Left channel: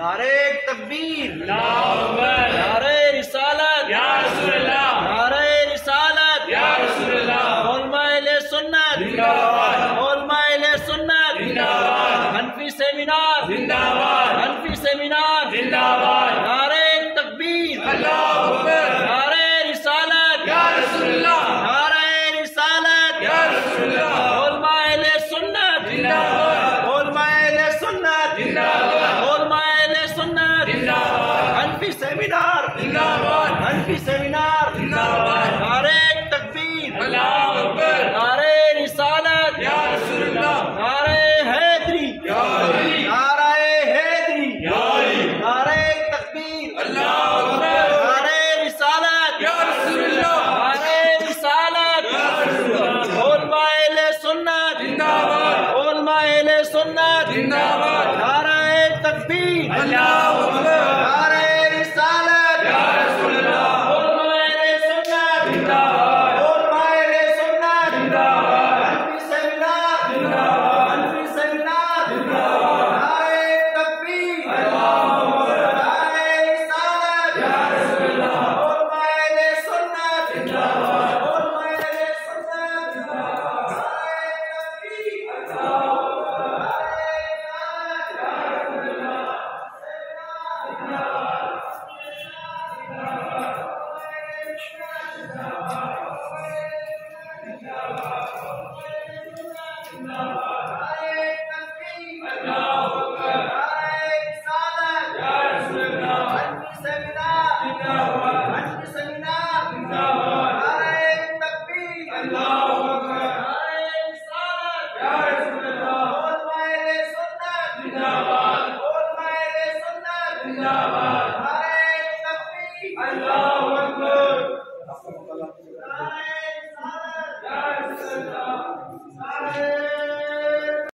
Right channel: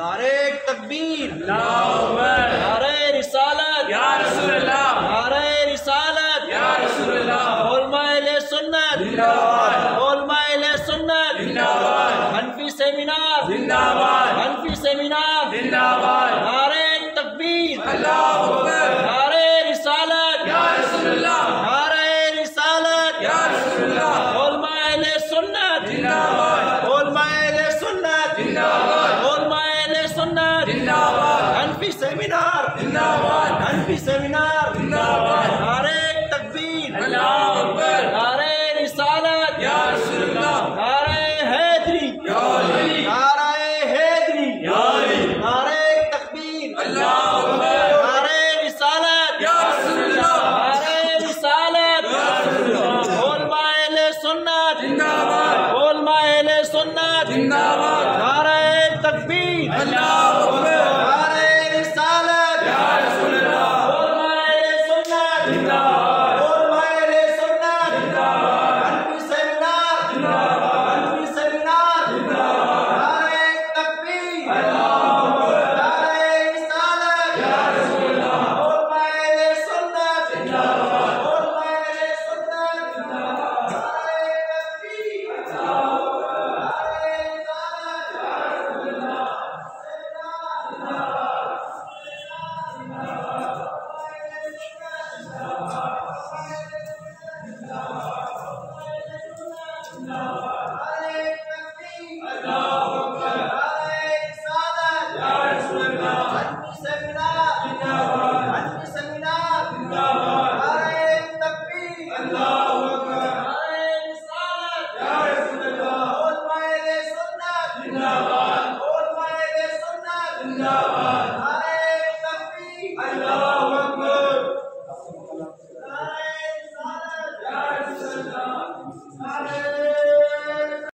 नारे तकबीर, नारे रिसालत, या रसूलल्लाह, नारे रिसालत, या रसूलल्लाह, उलमाए सुन्नत जिंदाबाद, उलमाए सुन्नत जिंदाबाद, हनफी सेमिनार जिंदाबाद, हनफी सेमिनार जिंदाबाद, नारे तकबीर, अल्लाहू अकबर, नारे रिसालत, या रसूलल्लाह, नारे रिसालत, या रसूलल्लाह, उलमाए सुन्नत जिंदाबाद, उलमाए सुन्नत जिंदाबाद, हनफी सेमिनार जिंदाबाद, हनफी सेमिनार जिंदाबाद, नारे तकबीर, अल्लाहू अकबर, नारे रिसालत, या रसूलल्लाह, नारे हैदरी, या अली, नारे हैदरी, या अली, नारे तकबीर, अल्लाहू अकबर, नारे रिसालत, या रसूलल्लाह, नारे रिसालत, या रसूलल्लाह, उलमाए सुन्नत जिंदाबाद, उलमाए सुन्नत जिंदाबाद, नारे तकबीर, अल्लाहू अकबर, जिंदाबाद।